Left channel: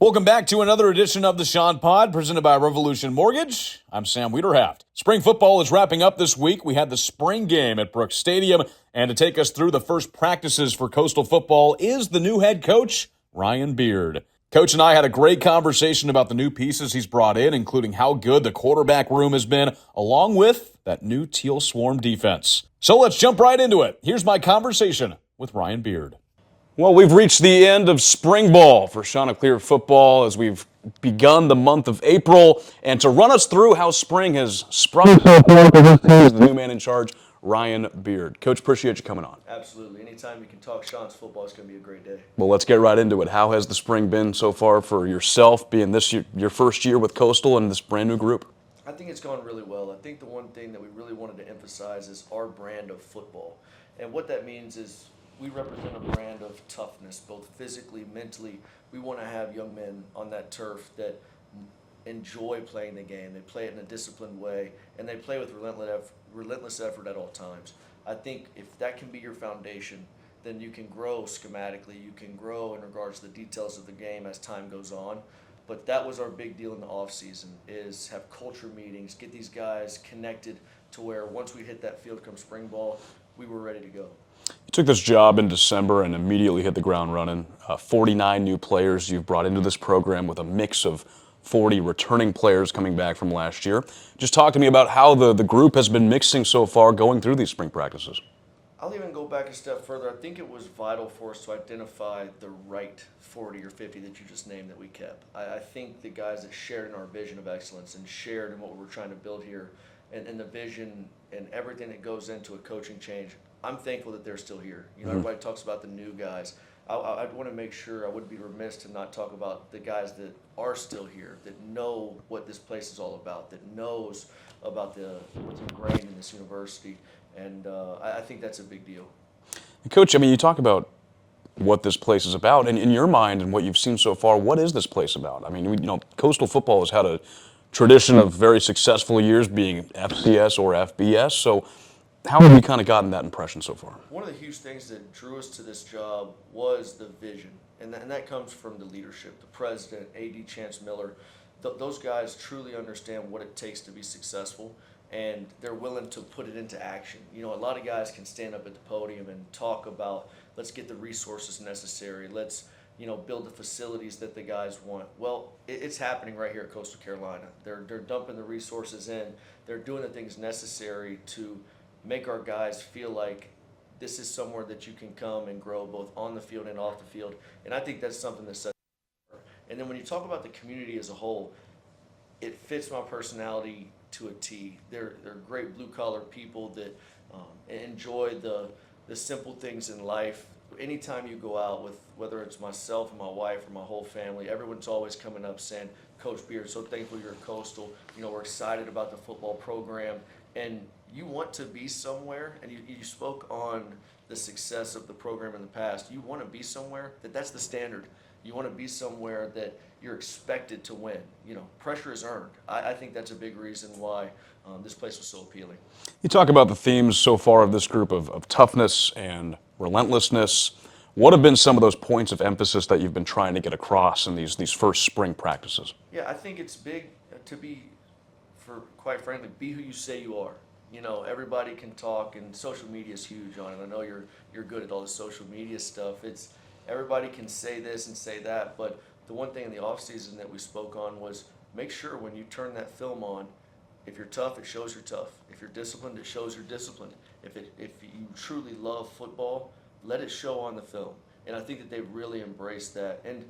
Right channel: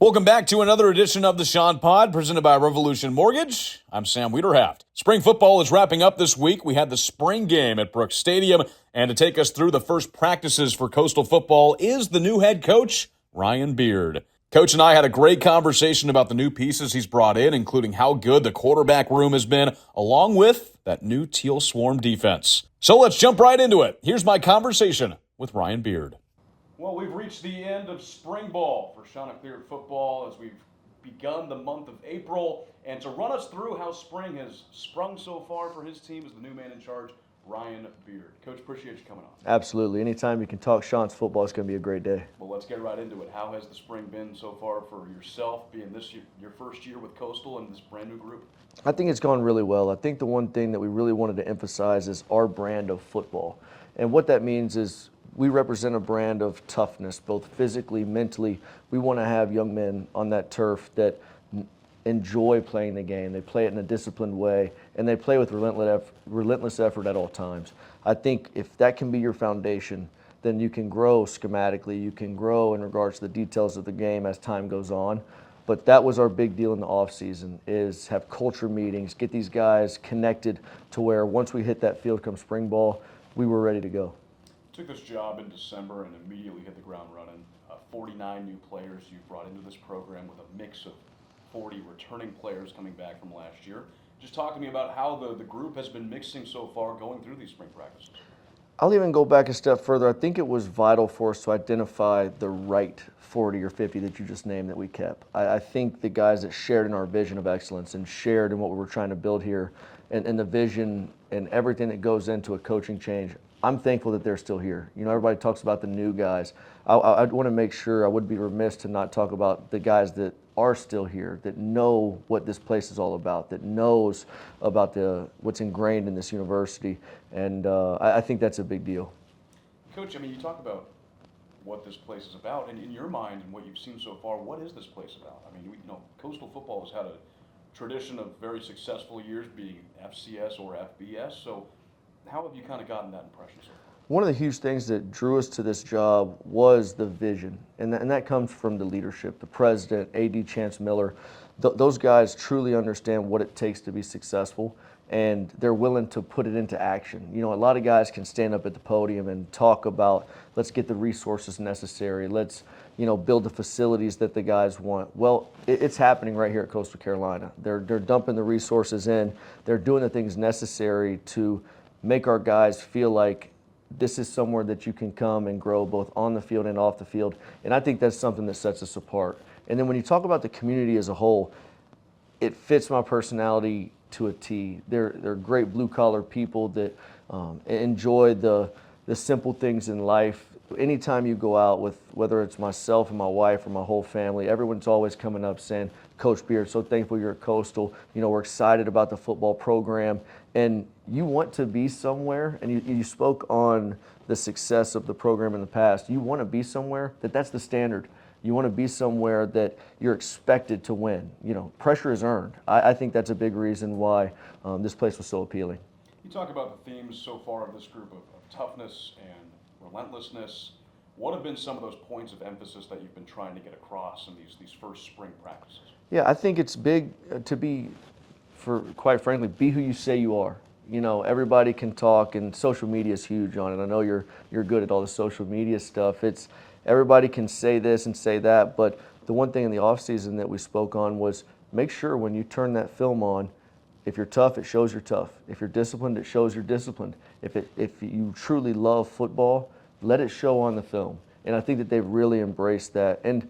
Welcome back to another edition of the Chant Pod, presented by Revolution Mortgage. I'm Sam Wiederhaft. Spring football is wrapping up this week. We had the spring game at Brooks Stadium, and to take us through the first practices for Coastal football is the new head coach, Ryan Beard. Coach and I had a great conversation about the new pieces he's brought in, including how good the quarterback room has been, along with that new Teal Swarm defense. So let's jump right into it. Here's my conversation with Ryan Beard. Well, we've reached the end of spring ball for Chanticleer football as we've begun the month of April. And to run us through how spring has sprung is the new man in charge, Ryan Beard. Coach, appreciate you coming on. Absolutely. Anytime you can talk Chant's football, it's going to be a great day. Well, let's get right into it. How has the spring been so far for yourself, being this your first year with Coastal and this brand new group? I think it's gone really well. I think the one thing that we really wanted to emphasize is our brand of football. And what that means is we represent a brand of toughness, both physically, mentally. We want to have young men on that turf that enjoy playing the game. They play it in a disciplined way, and they play with relentless effort at all times. I think if that can be your foundation, then you can grow schematically. You can grow in regards to the details of the game as time goes on. But that was our big deal in the offseason, is have culture meetings, get these guys connected to where once we hit that field come spring ball, we were ready to go. You took this job in December and immediately hit the ground running. 49 new players you've brought into this program with a mix of 40 returning players coming back from last year. Just talk to me about how the group has been mixing so far going through these spring practices. I'll even go back a step further. I think it was vital for us to identify the right 40 or 50 that you just named that we kept. I think the guys that shared in our vision of excellence and shared in what we were trying to build here and the vision and everything that goes into a coaching change, I'm thankful that they're still here. You know, everybody talks about the new guys. I want to make sure, I would be remiss to not talk about the guys that are still here, that know what this place is all about, that knows about what's ingrained in this university. And I think that's a big deal. Coach, I mean, you talk about what this place is about, and in your mind and what you've seen so far, what is this place about? I mean, Coastal football has had a tradition of very successful years being FCS or FBS, so how have you kind of gotten that impression so far? One of the huge things that drew us to this job was the vision, and that comes from the leadership, the president, A.D. Chance Miller. Those guys truly understand what it takes to be successful, and they're willing to put it into action. You know, a lot of guys can stand up at the podium and talk about, let's get the resources necessary, let's build the facilities that the guys want. Well, it's happening right here at Coastal Carolina. They're dumping the resources in. They're doing the things necessary to make our guys feel like this is somewhere that you can come and grow both on the field and off the field. And I think that's something that sets us apart. And then when you talk about the community as a whole, it fits my personality to a T. They're great blue-collar people that enjoy the simple things in life. Anytime you go out with, whether it's myself and my wife or my whole family, everyone's always coming up saying, Coach Beard, so thankful you're at Coastal. We're excited about the football program. And you want to be somewhere, and you spoke on the success of the program in the past. You want to be somewhere that's the standard. You want to be somewhere that you're expected to win. Pressure is earned. I think that's a big reason why this place was so appealing. You talk about the themes so far of this group of toughness and relentlessness. What have been some of those points of emphasis that you've been trying to get across in these first spring practices? Yeah, I think it's big to be, quite frankly, be who you say you are. Everybody can talk, and social media is huge on it. I know you're good at all the social media stuff. Everybody can say this and say that, but the one thing in the offseason that we spoke on was make sure when you turn that film on, if you're tough, it shows you're tough. If you're disciplined, it shows you're disciplined. If you truly love football, let it show on the film. And I think that they've really embraced that. And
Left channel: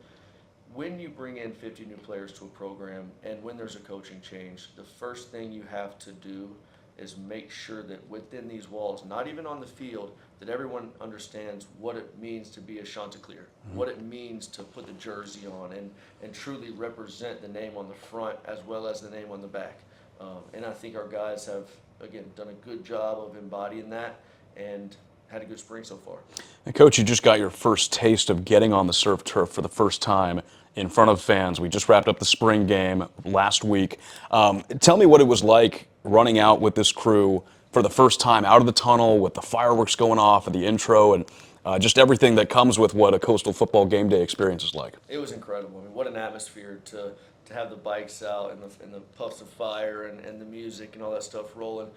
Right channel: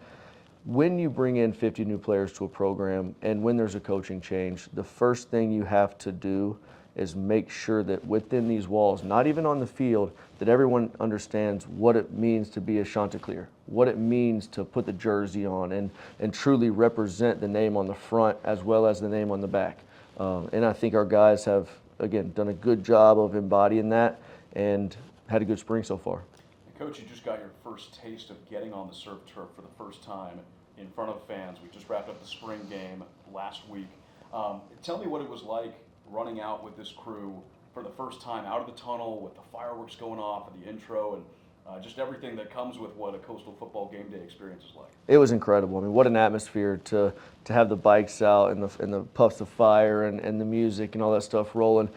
when you bring in 50 new players to a program and when there's a coaching change, the first thing you have to do is make sure that within these walls, not even on the field, that everyone understands what it means to be a Chanticleer, what it means to put the jersey on and truly represent the name on the front as well as the name on the back. And I think our guys have, again, done a good job of embodying that and had a good spring so far. And Coach, you just got your first taste of getting on the surf turf for the first time in front of fans. We just wrapped up the spring game last week. Tell me what it was like running out with this crew for the first time out of the tunnel with the fireworks going off at the intro, and just everything that comes with what a Coastal football game day experience is like. It was incredible. I mean, what an atmosphere to have the bikes out and the puffs of fire and the music and all that stuff rolling.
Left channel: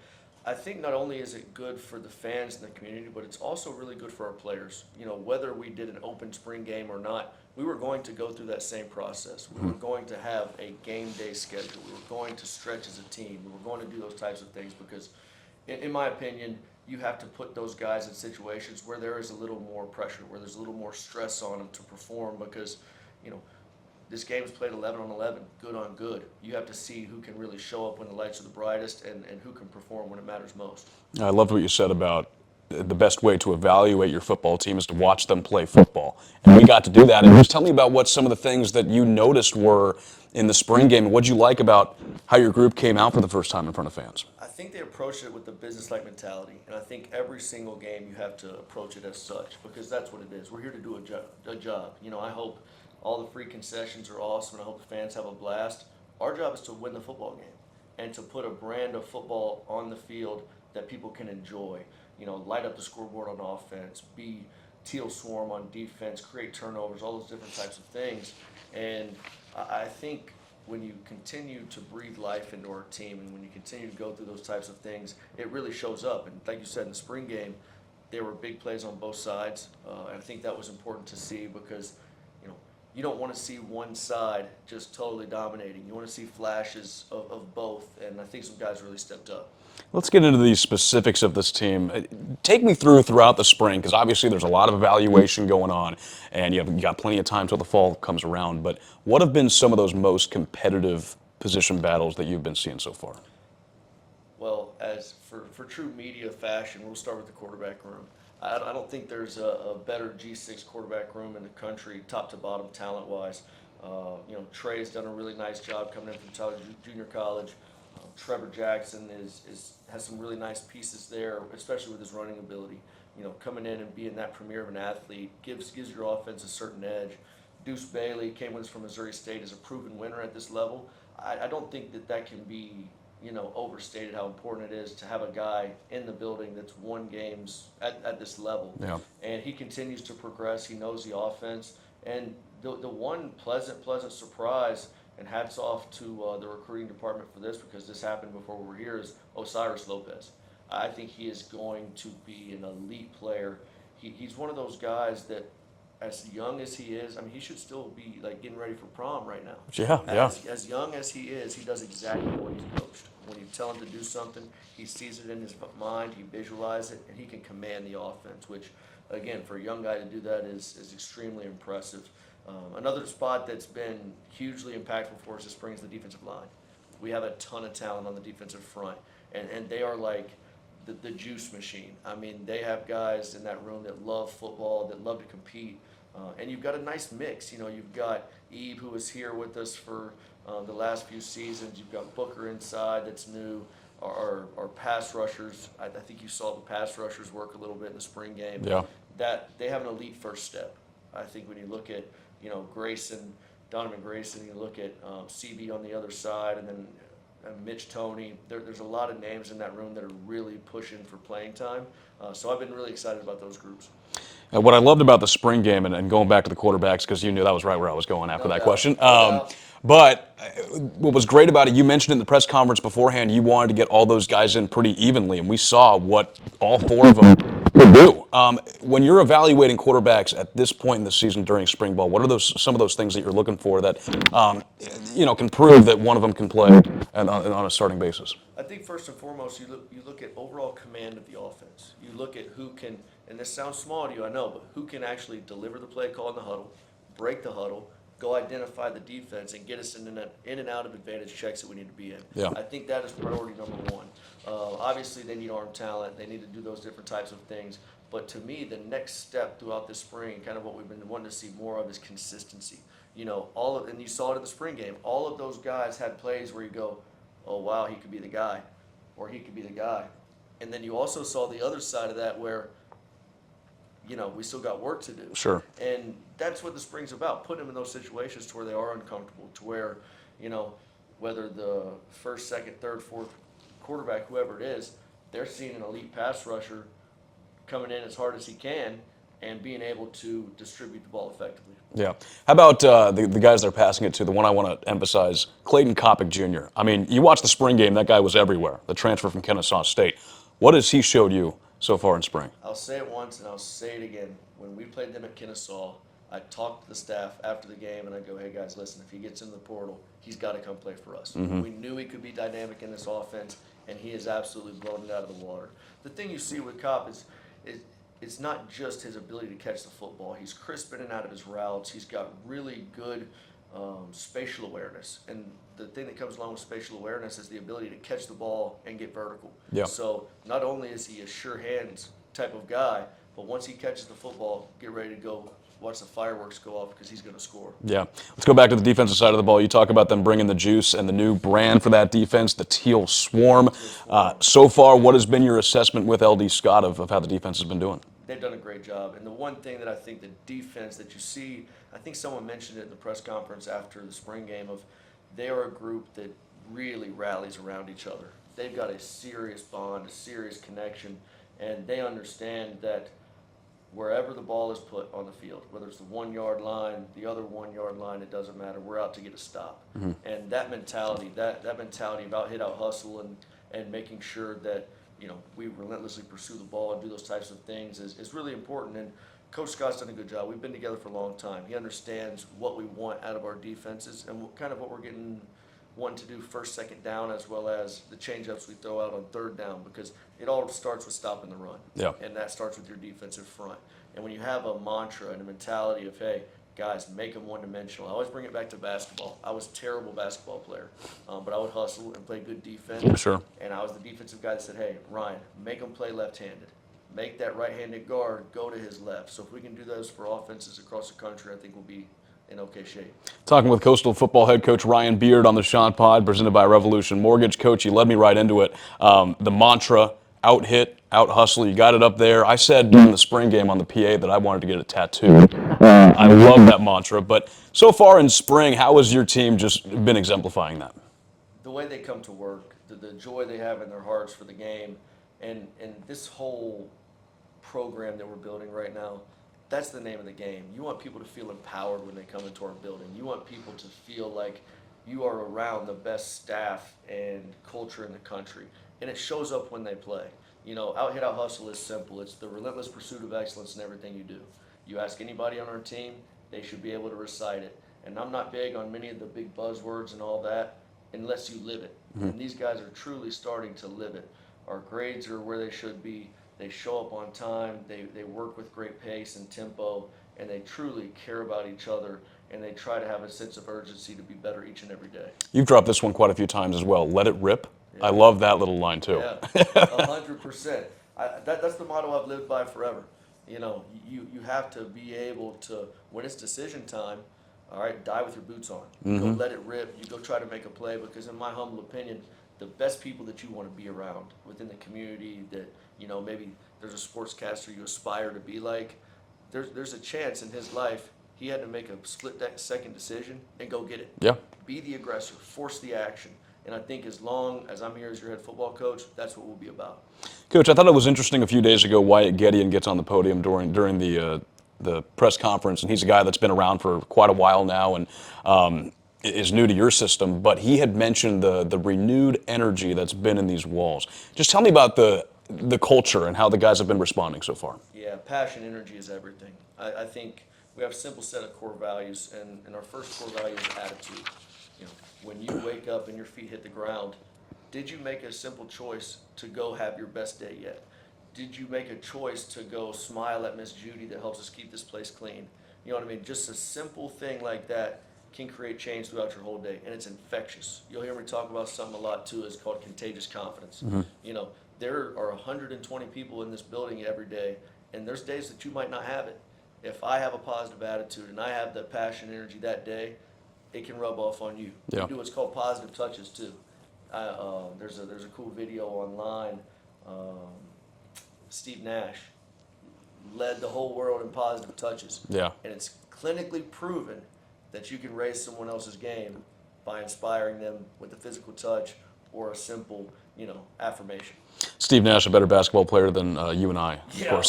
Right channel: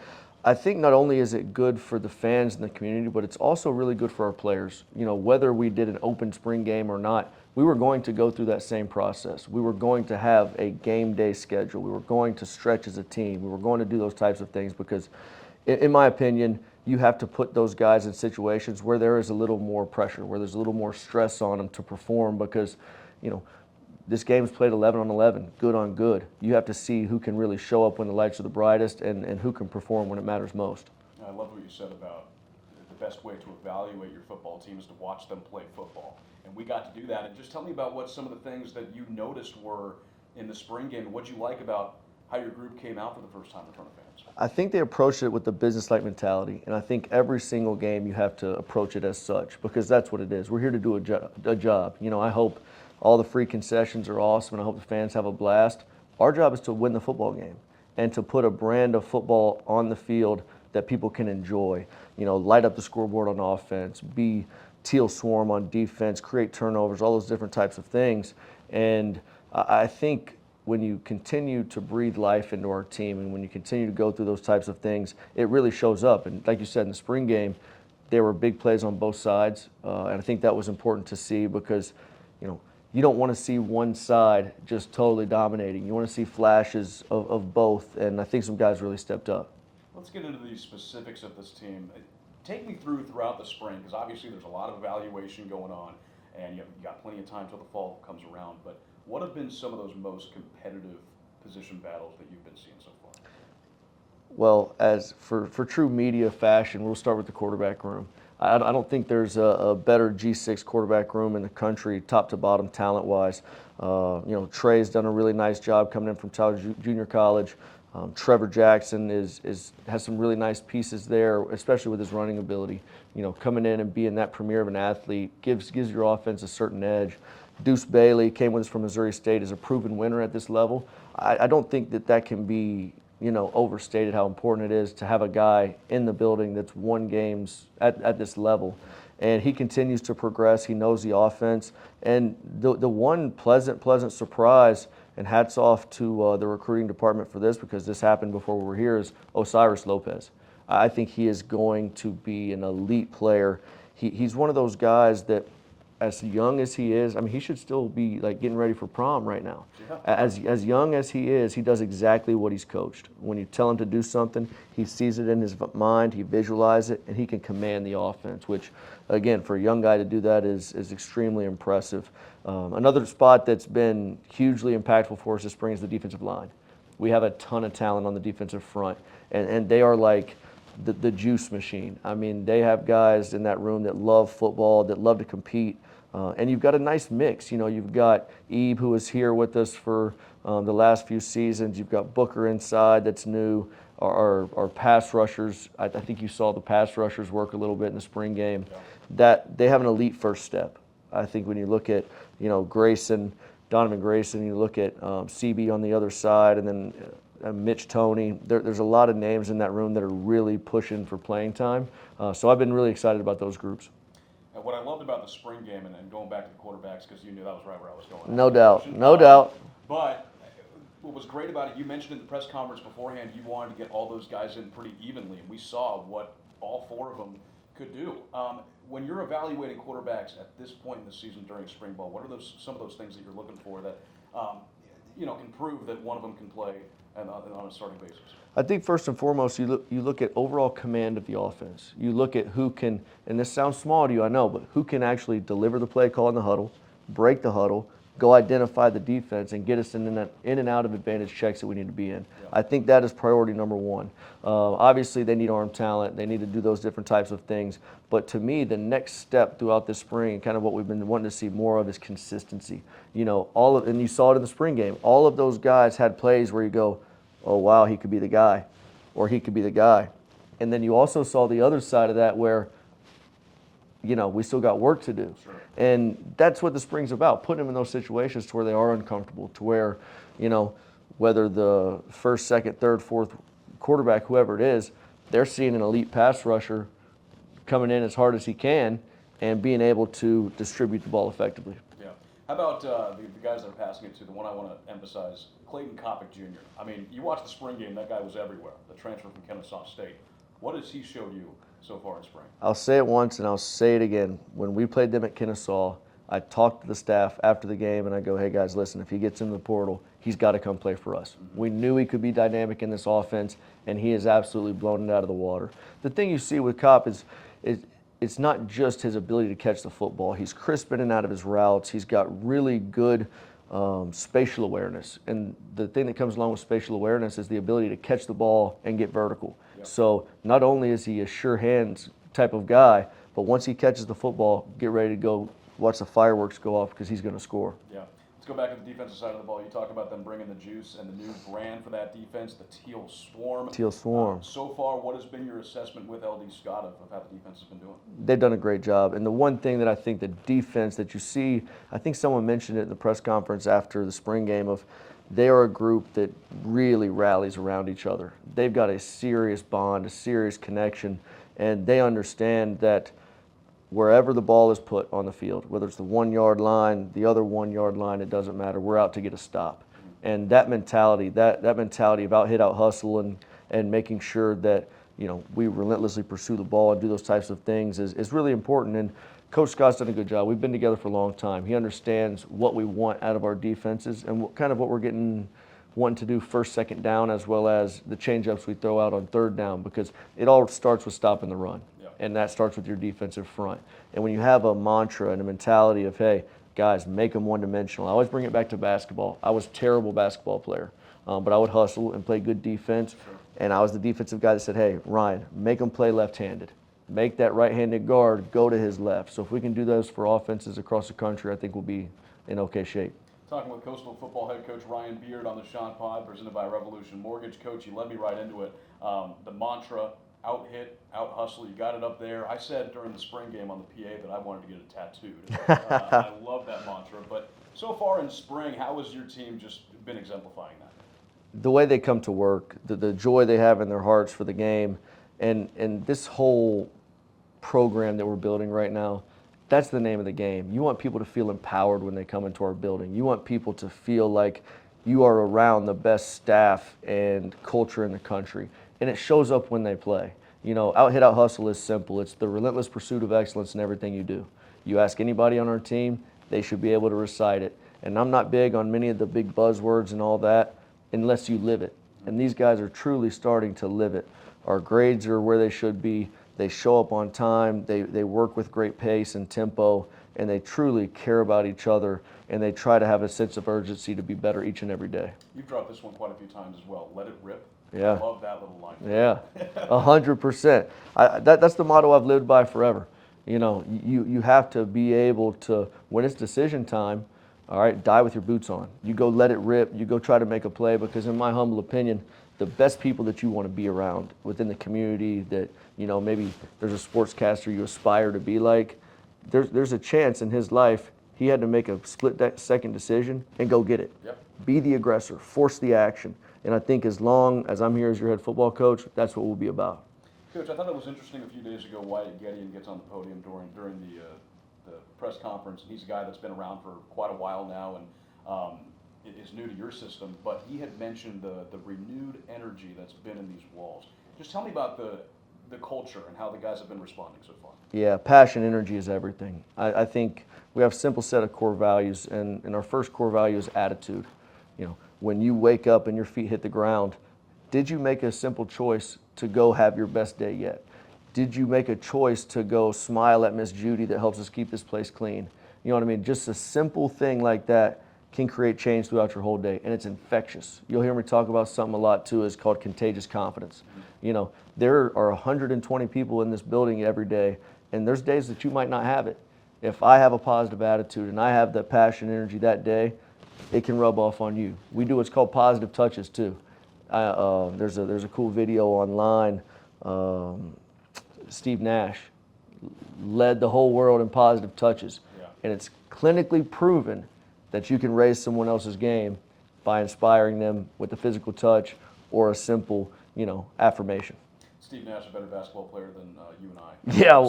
I think not only is it good for the fans and the community, but it's also really good for our players. You know, whether we did an open spring game or not, we were going to go through that same process. We were going to have a game day schedule. We were going to stretch as a team. We were going to do those types of things because, in my opinion, you have to put those guys in situations where there is a little more pressure, where there's a little more stress on them to perform because, you know, this game's played 11 on 11, good on good. You have to see who can really show up when the lights are the brightest and who can perform when it matters most. I loved what you said about the best way to evaluate your football team is to watch them play football. And we got to do that. And just tell me about what some of the things that you noticed were in the spring game. What'd you like about how your group came out for the first time in front of fans? I think they approached it with the business-like mentality, and I think every single game you have to approach it as such because that's what it is. We're here to do a job. You know, I hope all the free concessions are awesome, and I hope the fans have a blast. Our job is to win the football game and to put a brand of football on the field that people can enjoy. You know, light up the scoreboard on offense, be teal swarm on defense, create turnovers, all those different types of things. And I think when you continue to breathe life into our team and when you continue to go through those types of things, it really shows up. And like you said, in the spring game, there were big plays on both sides. And I think that was important to see because, you know, you don't want to see one side just totally dominating. You want to see flashes of both, and I think some guys really stepped up. Let's get into the specifics of this team. Take me throughout the spring, because obviously there's a lot of evaluation going on, and you got plenty of time till the fall comes around. But what have been some of those most competitive position battles that you've been seeing so far? Well, as for true media fashion, we'll start with the quarterback room. I don't think there's a better G6 quarterback room in the country, top to bottom, talent-wise. You know, Trey's done a really nice job coming in from Tyler Junior College. Trevor Jackson has some really nice pieces there, especially with his running ability. You know, coming in and being that premier of an athlete gives your offense a certain edge. Deuce Bailey came with us from Missouri State, is a proven winner at this level. I don't think that can be, you know, overstated how important it is to have a guy in the building that's won games at this level. Yeah. And he continues to progress. He knows the offense. And the one pleasant surprise, and hats off to the recruiting department for this because this happened before we were here, is Osiris Lopez. I think he is going to be an elite player. He's one of those guys that, as young as he is, I mean, he should still be like getting ready for prom right now. Yeah. As young as he is, he does exactly what he's coached. When you tell him to do something, he sees it in his mind, he visualizes it, and he can command the offense, which, again, for a young guy to do that is extremely impressive. Another spot that's been hugely impactful for us this spring is the defensive line. We have a ton of talent on the defensive front, and they are like the juice machine. I mean, they have guys in that room that love football, that love to compete. And you've got a nice mix. You know, you've got Ebe, who was here with us for the last few seasons. You've got Booker inside that's new. Our pass rushers, I think you saw the pass rushers work a little bit in the spring game. Yeah. That they have an elite first step. I think when you look at, you know, Donovan Grayson, you look at CB on the other side, and then Mitch Toney. There's a lot of names in that room that are really pushing for playing time. So I've been really excited about those groups. What I loved about the spring game, and going back to the quarterbacks, because you knew that was right where I was going after that doubt. question. No doubt. But what was great about it, you mentioned in the press conference beforehand, you wanted to get all those guys in pretty evenly, and we saw what all four of them could do. When you're evaluating quarterbacks at this point in the season during spring ball, what are some of those things that you're looking for that can prove that one of them can play on a starting basis? I think first and foremost, you look at overall command of the offense. You look at who can, and this sounds small to you, I know, but who can actually deliver the play call in the huddle, break the huddle, go identify the defense, and get us in and out of advantage checks that we need to be in. Yeah. I think that is priority number one. Obviously, they need arm talent. They need to do those different types of things. But to me, the next step throughout the spring, kind of what we've been wanting to see more of, is consistency. You know, and you saw it in the spring game. All of those guys had plays where you go, oh, wow, he could be the guy, or he could be the guy. And then you also saw the other side of that where, you know, we still got work to do. Sure. And that's what the spring's about, putting them in those situations to where they are uncomfortable, to where, you know, whether the first, second, third, fourth quarterback, whoever it is, they're seeing an elite pass rusher coming in as hard as he can, and being able to distribute the ball effectively. Yeah. How about the guys that are passing it to? The one I want to emphasize, Clayton Kopic Jr. I mean, you watch the spring game, that guy was everywhere, the transfer from Kennesaw State. What has he showed you so far in spring? I'll say it once and I'll say it again. When we played them at Kennesaw, I talked to the staff after the game and I go, hey guys, listen, if he gets in the portal, he's got to come play for us. We knew he could be dynamic in this offense, and he has absolutely blown it out of the water. The thing you see with Kopp is it's not just his ability to catch the football. He's crisp in and out of his routes. He's got really good spatial awareness. And the thing that comes along with spatial awareness is the ability to catch the ball and get vertical. Yeah. So not only is he a sure hands type of guy, but once he catches the football, get ready to go watch the fireworks go off because he's going to score. Yeah. Let's go back to the defensive side of the ball. You talk about them bringing the juice and the new brand for that defense, the Teal Swarm. Teal Swarm. So far, what has been your assessment with LD Scott of how the defense has been doing? They've done a great job. And the one thing that I think the defense that you see, I think someone mentioned it in the press conference after the spring game, of they are a group that really rallies around each other. They've got a serious bond, a serious connection, and they understand that wherever the ball is put on the field, whether it's the 1 yard line, the other 1 yard line, it doesn't matter. We're out to get a stop. And that mentality, that mentality of out hit, out hustle, and making sure that we relentlessly pursue the ball and do those types of things is really important. And Coach Scott's done a good job. We've been together for a long time. He understands what we want out of our defenses and what we're wanting to do first, second down, as well as the change-ups we throw out on third down, because it all starts with stopping the run. Yeah. And that starts with your defensive front. And when you have a mantra and a mentality of, hey, guys, make them one-dimensional. I always bring it back to basketball. I was a terrible basketball player, but I would hustle and play good defense. For sure. And I was the defensive guy that said, hey, Ryan, make them play left-handed. Make that right-handed guard go to his left. So if we can do those for offenses across the country, I think we'll be in okay shape. Talking with Coastal football head coach Ryan Beard on the Chant Pod, presented by Revolution Mortgage. Coach, you led me right into it. The mantra, out hit, out hustle, you got it up there. I said during the spring game on the PA that I wanted to get it tattooed. I love that mantra. But so far in spring, how has your team just been exemplifying that? The way they come to work, the joy they have in their hearts for the game, and this whole program that we're building right now, that's the name of the game. You want people to feel empowered when they come into our building. You want people to feel like you are around the best staff and culture in the country. And it shows up when they play. Out hit, out hustle is simple. It's the relentless pursuit of excellence in everything you do. You ask anybody on our team, they should be able to recite it. And I'm not big on many of the big buzzwords and all that unless you live it. And these guys are truly starting to live it. Our grades are where they should be. They show up on time, they work with great pace and tempo, and they truly care about each other, and they try to have a sense of urgency to be better each and every day. You've dropped this one quite a few times as well. Let it rip. Yeah. I love that little line too. Yeah, 100%. That's the motto I've lived by forever. You have to be able to, when it's decision time, all right, die with your boots on. You go let it rip. You go try to make a play, because in my humble opinion, the best people that you want to be around within the community that, maybe there's a sportscaster you aspire to be like, there's a chance in his life he had to make a split-second decision and go get it. Yeah. Be the aggressor, force the action. And I think as long as I'm here as your head football coach, that's what we'll be about. Coach, I thought it was interesting a few days ago, Wyatt Gideon gets on the podium during the press conference, and he's a guy that's been around for quite a while now and is new to your system, but he had mentioned the renewed energy that's been in these walls. Just tell me about the culture and how the guys have been responding so far. Yeah, passion, energy is everything. I think we have a simple set of core values, and our first core value is attitude. When you wake up and your feet hit the ground, did you make a simple choice to go have your best day yet? Did you make a choice to go smile at Miss Judy that helps us keep this place clean? You know what I mean? Just a simple thing like that can create change throughout your whole day, and it's infectious. You'll hear me talk about something a lot too. It's called contagious confidence. There are 120 people in this building every day, and there's days that you might not have it. If I have a positive attitude and I have the passion, energy that day, it can rub off on you. Yeah. We do what's called positive touches too. There's a cool video online. Steve Nash led the whole world in positive touches. Yeah. And it's clinically proven that you can raise someone else's game by inspiring them with a physical touch or a simple, affirmation. Steve Nash, a better basketball player than you and I. Yeah,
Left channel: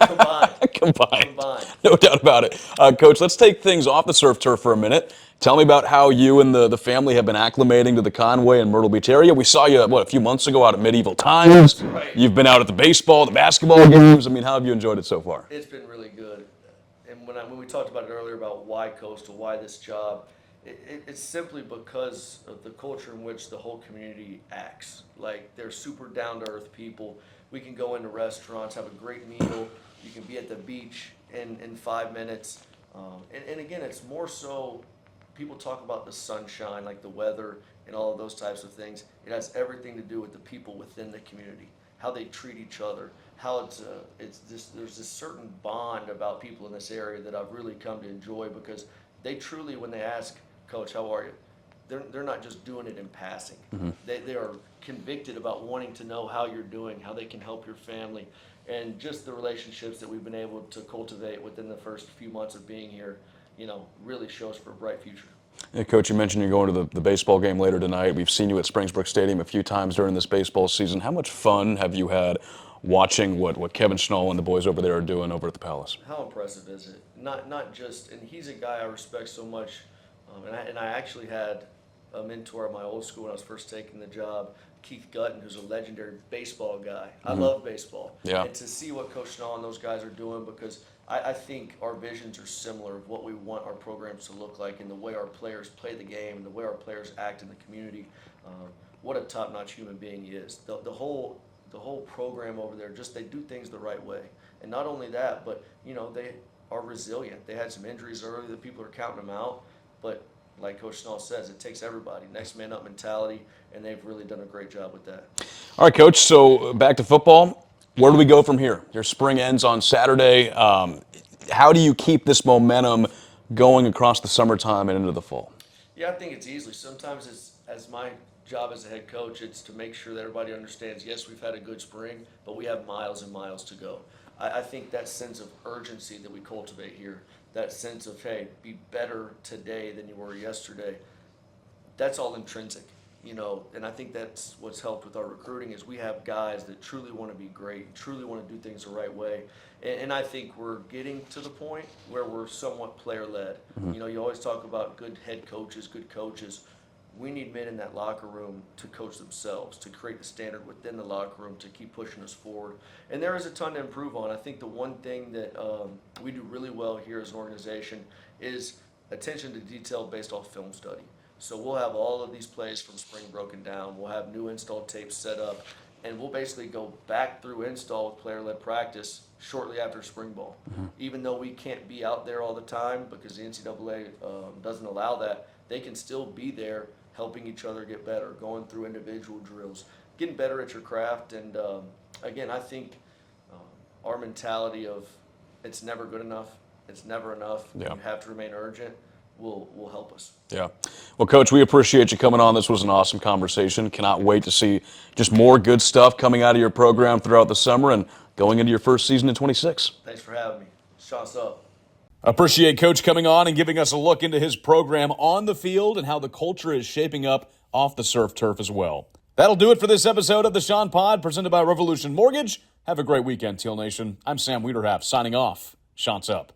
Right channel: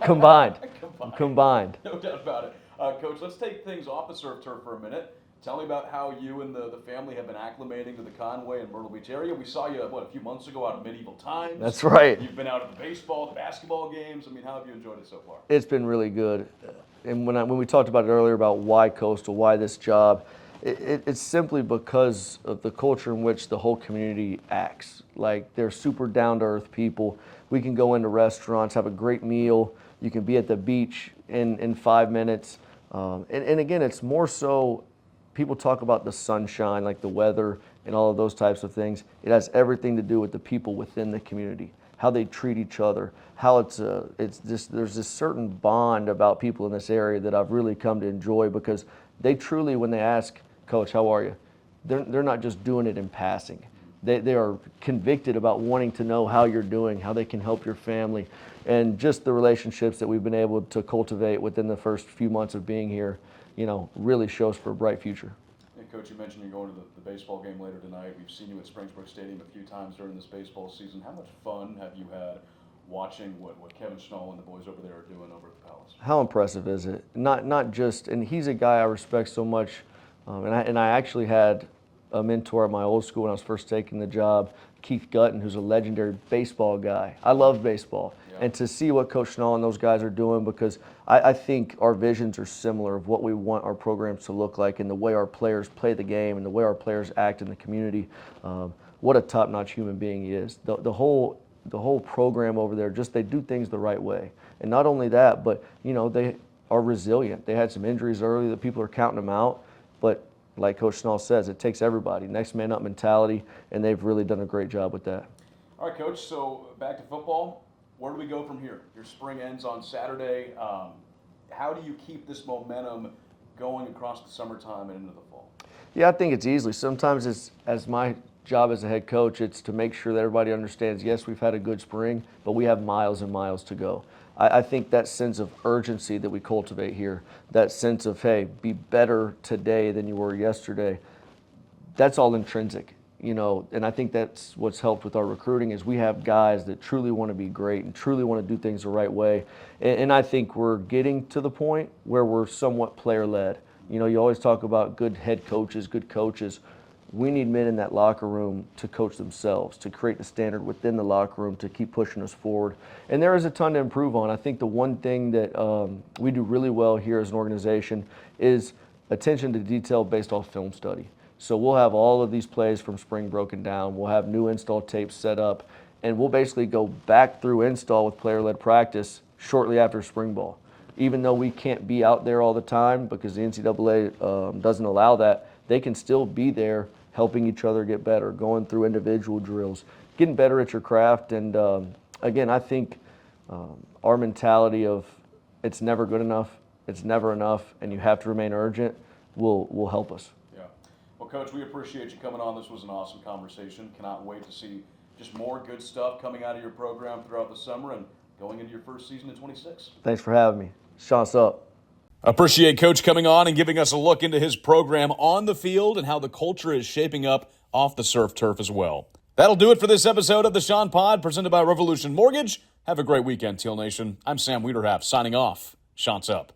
combined. Combined. No doubt about it. Coach, let's take things off the surf turf for a minute. Tell me about how you and the family have been acclimating to the Conway and Myrtle Beach area. We saw you, a few months ago out at Medieval Times. That's right. You've been out at the baseball, the basketball games. I mean, how have you enjoyed it so far? It's been really good. And when we talked about it earlier about why Coastal, why this job, it's simply because of the culture in which the whole community acts. Like, they're super down-to-earth people. We can go into restaurants, have a great meal. You can be at the beach in 5 minutes. And again, it's more so, people talk about the sunshine, like the weather and all of those types of things. It has everything to do with the people within the community, how they treat each other, how it's just, there's this certain bond about people in this area that I've really come to enjoy, because they truly, when they ask, Coach, how are you? They're not just doing it in passing. Mm-hmm. They are convicted about wanting to know how you're doing, how they can help your family, and just the relationships that we've been able to cultivate within the first few months of being here, really shows for a bright future. Yeah, Coach, you mentioned you're going to the baseball game later tonight. We've seen you at Springbrook Stadium a few times during this baseball season. How much fun have you had watching what Kevin Schnall and the boys over there are doing over at the Palace? How impressive is it? Not just, and he's a guy I respect so much, and I actually had a mentor at my old school when I was first taking the job, Keith Gutton, who's a legendary baseball guy. I love baseball. Yeah. And to see what Coach Schnall and those guys are doing, because I think our visions are similar of what we want our programs to look like, and the way our players play the game and the way our players act in the community. What a top-notch human being he is. The whole program over there, just they do things the right way. And not only that, but they are resilient. They had some injuries early that people are counting them out, but like Coach Schnall says, it takes everybody. Next man up mentality, and they've really done a great job with that. All right, Coach, so back to football. Where do we go from here? Your spring ends on Saturday. How do you keep this momentum going across the summertime and into the fall? Yeah, I think it's easily. Sometimes it's, as my job as a head coach, it's to make sure that everybody understands, yes, we've had a good spring, but we have miles and miles to go. I think that sense of urgency that we cultivate here, that sense of, hey, be better today than you were yesterday, that's all intrinsic, and I think that's what's helped with our recruiting, is we have guys that truly want to be great and truly want to do things the right way. And I think we're getting to the point where we're somewhat player-led. Mm-hmm. You always talk about good head coaches, good coaches. We need men in that locker room to coach themselves, to create the standard within the locker room, to keep pushing us forward. And there is a ton to improve on. I think the one thing that we do really well here as an organization is attention to detail based off film study. So we'll have all of these plays from spring broken down. We'll have new install tapes set up, and we'll basically go back through install with player-led practice shortly after spring ball. Mm-hmm. Even though we can't be out there all the time because the NCAA doesn't allow that, they can still be there helping each other get better, going through individual drills, getting better at your craft. And again, I think our mentality of it's never good enough, it's never enough, and you have to remain urgent will help us. Yeah. Well, Coach, we appreciate you coming on. This was an awesome conversation. Cannot wait to see just more good stuff coming out of your program throughout the summer and going into your first season in 26. Thanks for having me. Chant's up. Appreciate Coach coming on and giving us a look into his program on the field and how the culture is shaping up off the surf turf as well. That'll do it for this episode of the Chant Pod, presented by Revolution Mortgage. Have a great weekend, Teal Nation. I'm Sam Wiederhaft, signing off. Chant's up.